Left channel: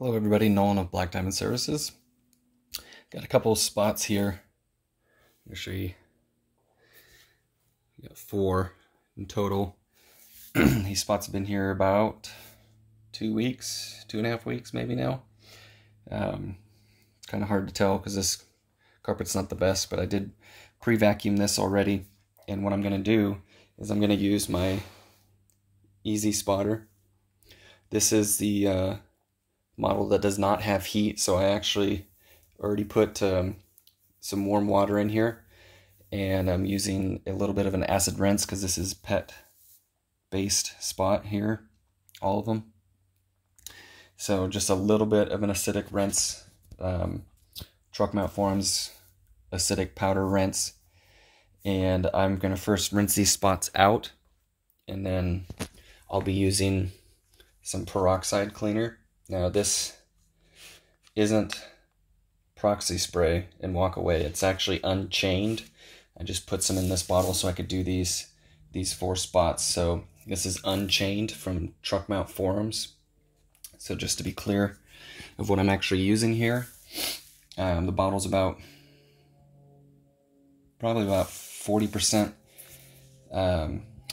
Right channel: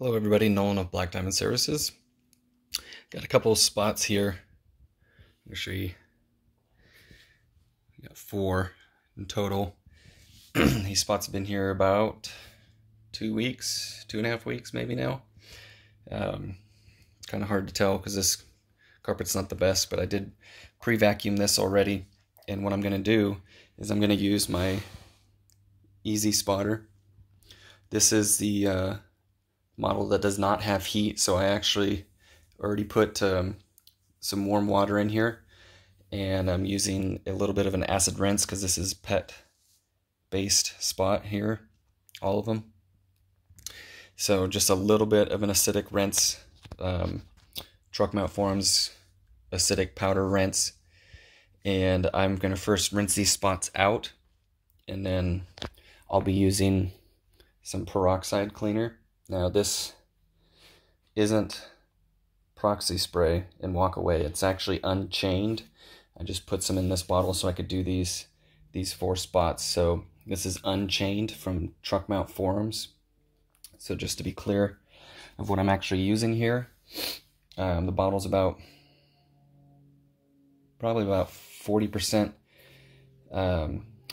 Hello everybody, Nolan of Black Diamond Services. Got a couple of spots here. I'm going to show you. We got 4 in total. These spots have been here about 2 weeks, 2.5 weeks maybe now. It's kind of hard to tell because this carpet's not the best, but I did pre-vacuum this already. And what I'm going to do is I'm going to use my Easy Spotter. This is the model that does not have heat, so I actually already put some warm water in here, and I'm using a little bit of an acid rinse because this is pet based spot here, all of them. So just a little bit of an acidic rinse, Truck Mount Forums acidic powder rinse, and I'm going to first rinse these spots out, and then I'll be using some peroxide cleaner. Now this isn't proxy spray and walk away. It's actually unchained. I just put some in this bottle so I could do these 4 spots. So this is unchained from Truck Mount Forums. So just to be clear of what I'm actually using here, the bottle's probably about 40%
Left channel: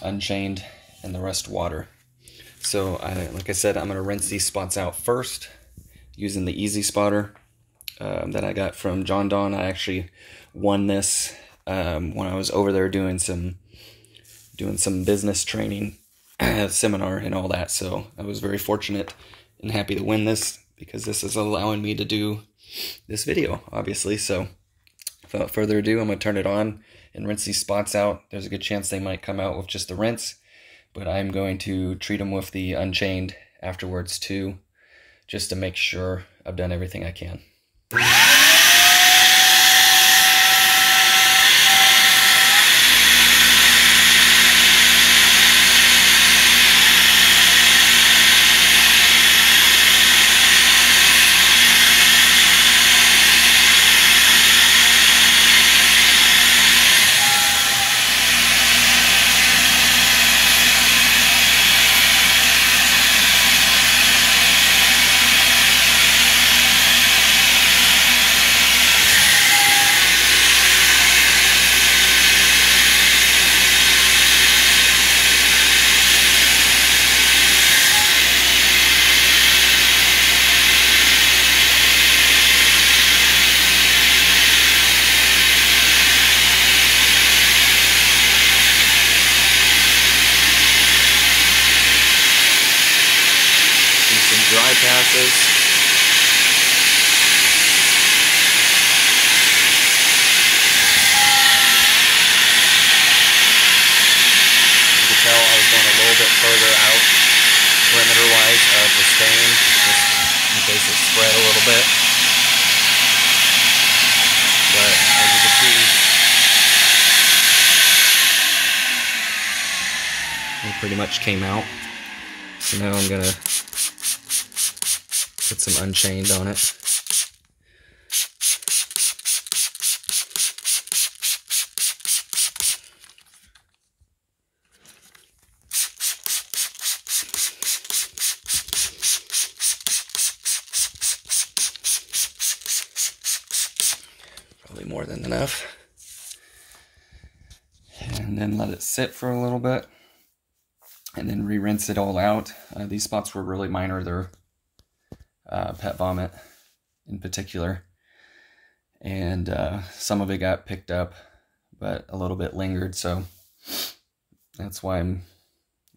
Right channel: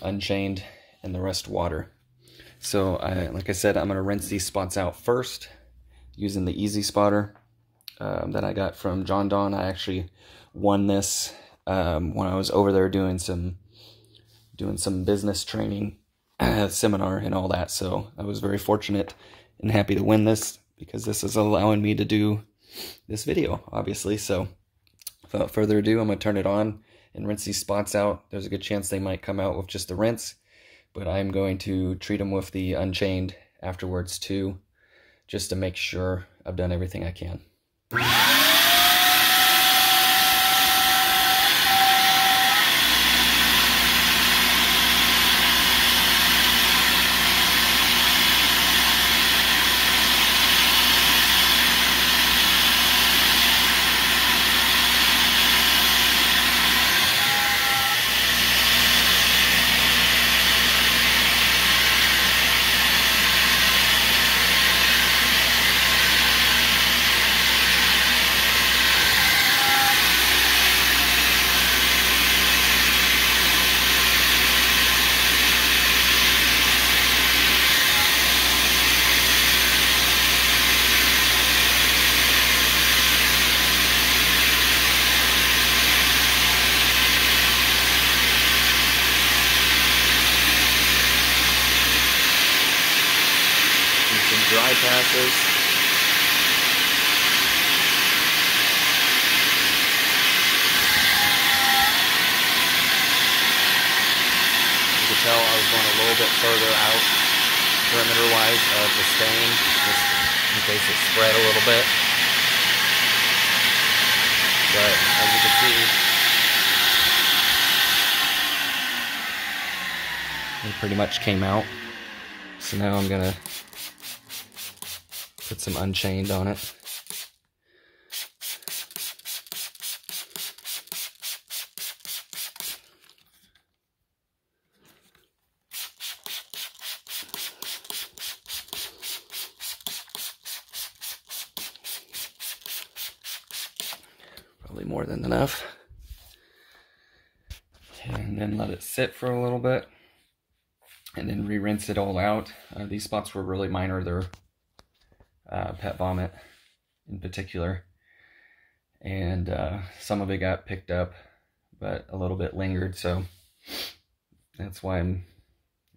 unchained and the rest water. So, like I said, I'm going to rinse these spots out first using the Easy Spotter that I got from John Don. I actually won this when I was over there doing some business training seminar and all that. So I was very fortunate and happy to win this because this is allowing me to do this video, obviously. So without further ado, I'm going to turn it on and rinse these spots out. There's a good chance they might come out with just the rinse, but I'm going to treat them with the Unchained afterwards too, just to make sure I've done everything I can. Some dry passes. You can tell I was going a little bit further out perimeter-wise of the stain, just in case it spread a little bit. But as you can see, it pretty much came out. So now I'm gonna put some Unchained on it. Probably more than enough. And then let it sit for a little bit. And then re-rinse it all out. These spots were really minor. They're pet vomit in particular, and some of it got picked up, but a little bit lingered, so that's why I'm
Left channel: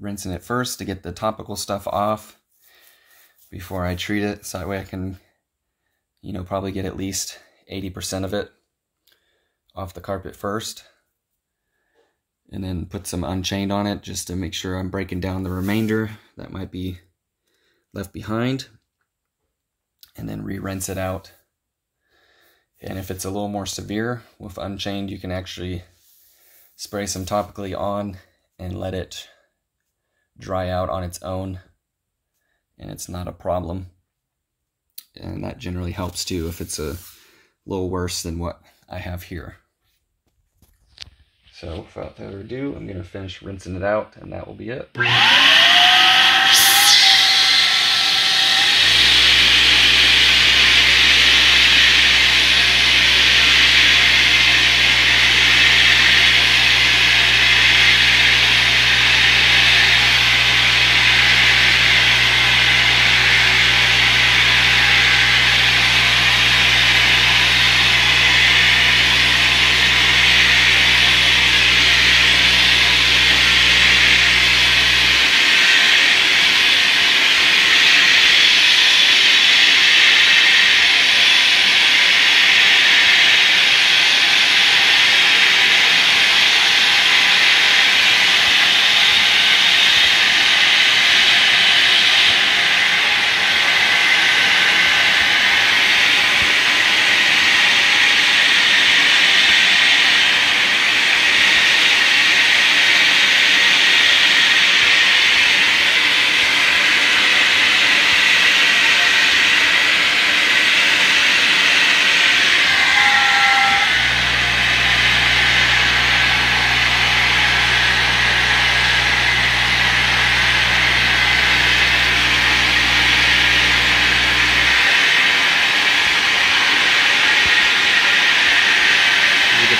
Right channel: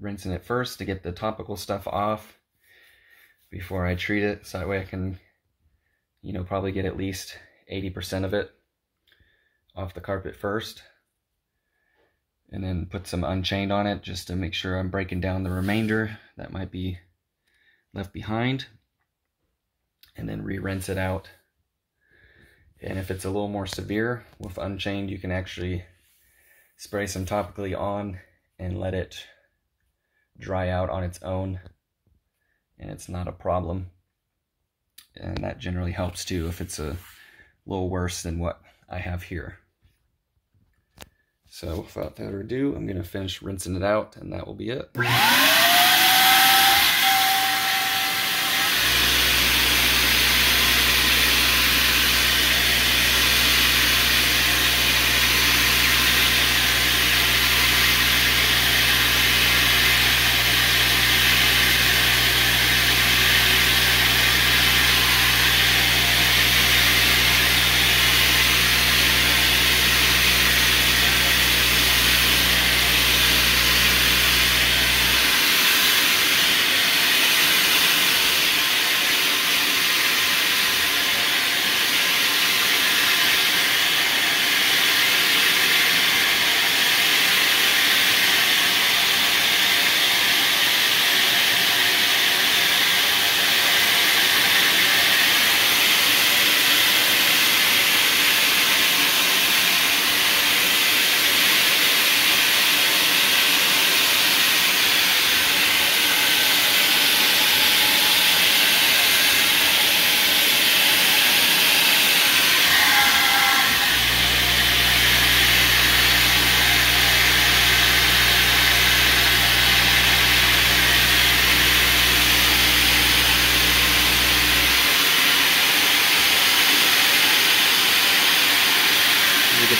rinsing it first to get the topical stuff off before I treat it, so that way I can, probably get at least 80% of it off the carpet first, and then put some Unchained on it just to make sure I'm breaking down the remainder that might be left behind, and then re-rinse it out. And if it's a little more severe with Unchained, you can actually spray some topically on and let it dry out on its own, and it's not a problem. And that generally helps too if it's a little worse than what I have here. So without further ado, I'm going to finish rinsing it out, and that will be it.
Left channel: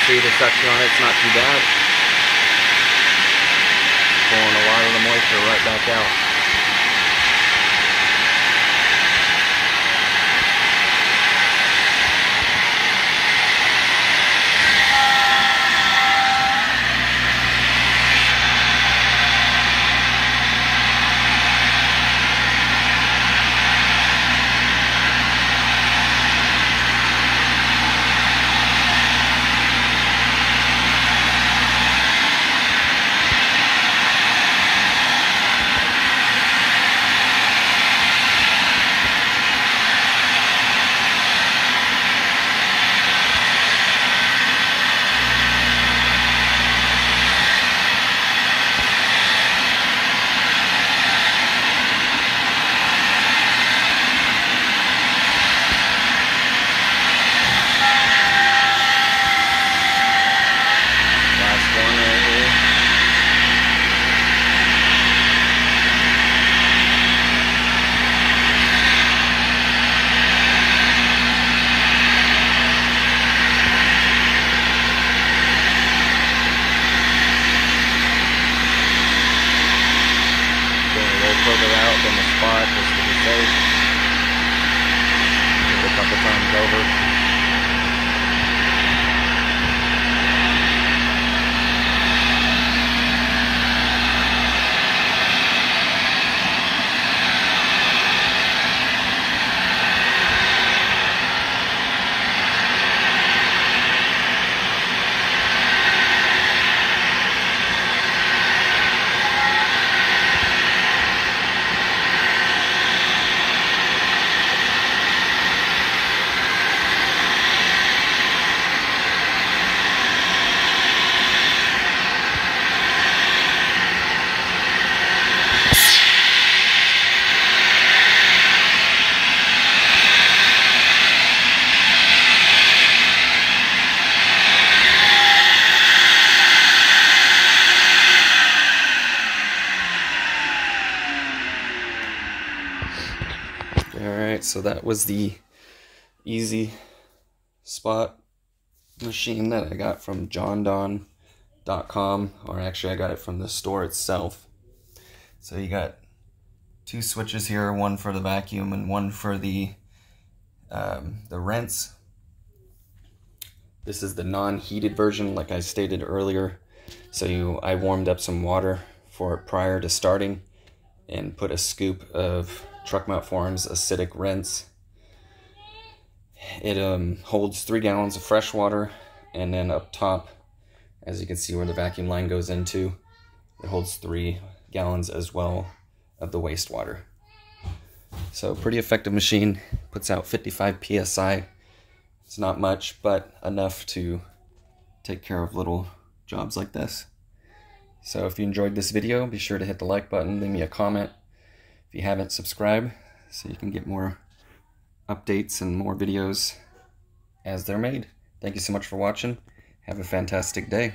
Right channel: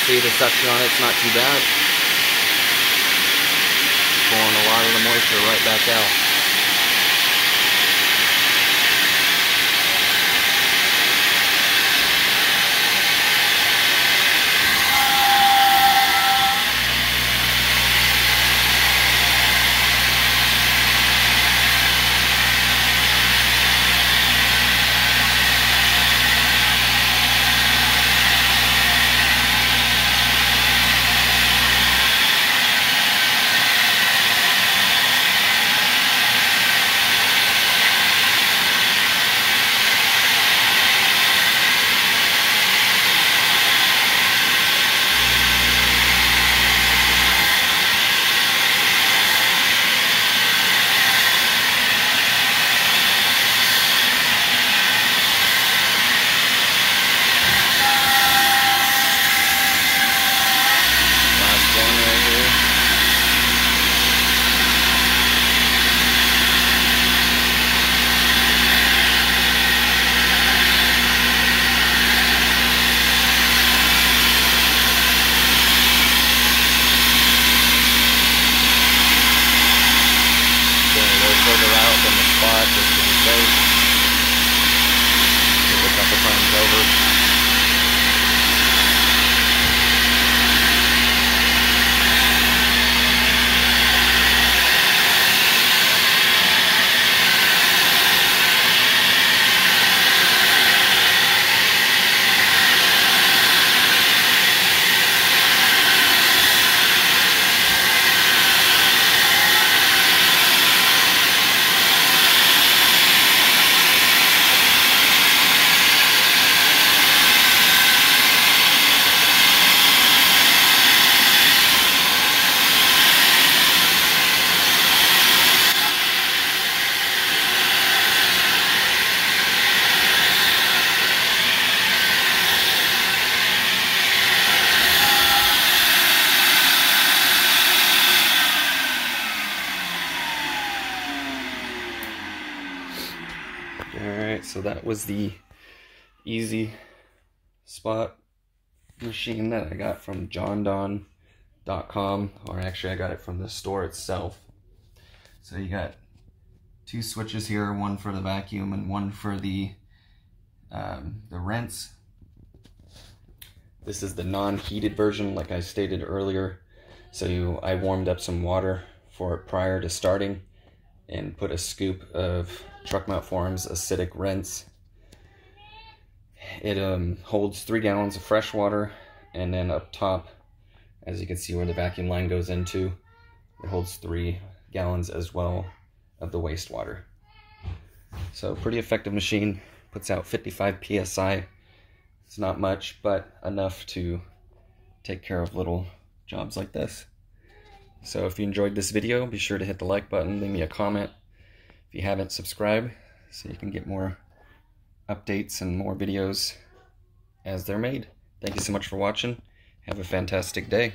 see the suction on it, it's not too bad. Pulling a lot of the moisture right back out. Further out than the spot just to be safe. Give it a couple times over. Alright, so that was the Easy Spot machine that I got from jondon.com, or actually I got it from the store itself. So you got two switches here, one for the vacuum and one for the rinse. This is the non-heated version, like I stated earlier. So I warmed up some water for it prior to starting and put a scoop of Truck Mount Farms acidic rinse. It holds 3 gallons of fresh water, and then up top, as you can see where the vacuum line goes into, it holds 3 gallons as well of the wastewater. So pretty effective machine, puts out 55 psi. It's not much, but enough to take care of little jobs like this. So if you enjoyed this video, be sure to hit the like button, leave me a comment. If you haven't, subscribe so you can get more updates and more videos as they're made. Thank you so much for watching. Have a fantastic day.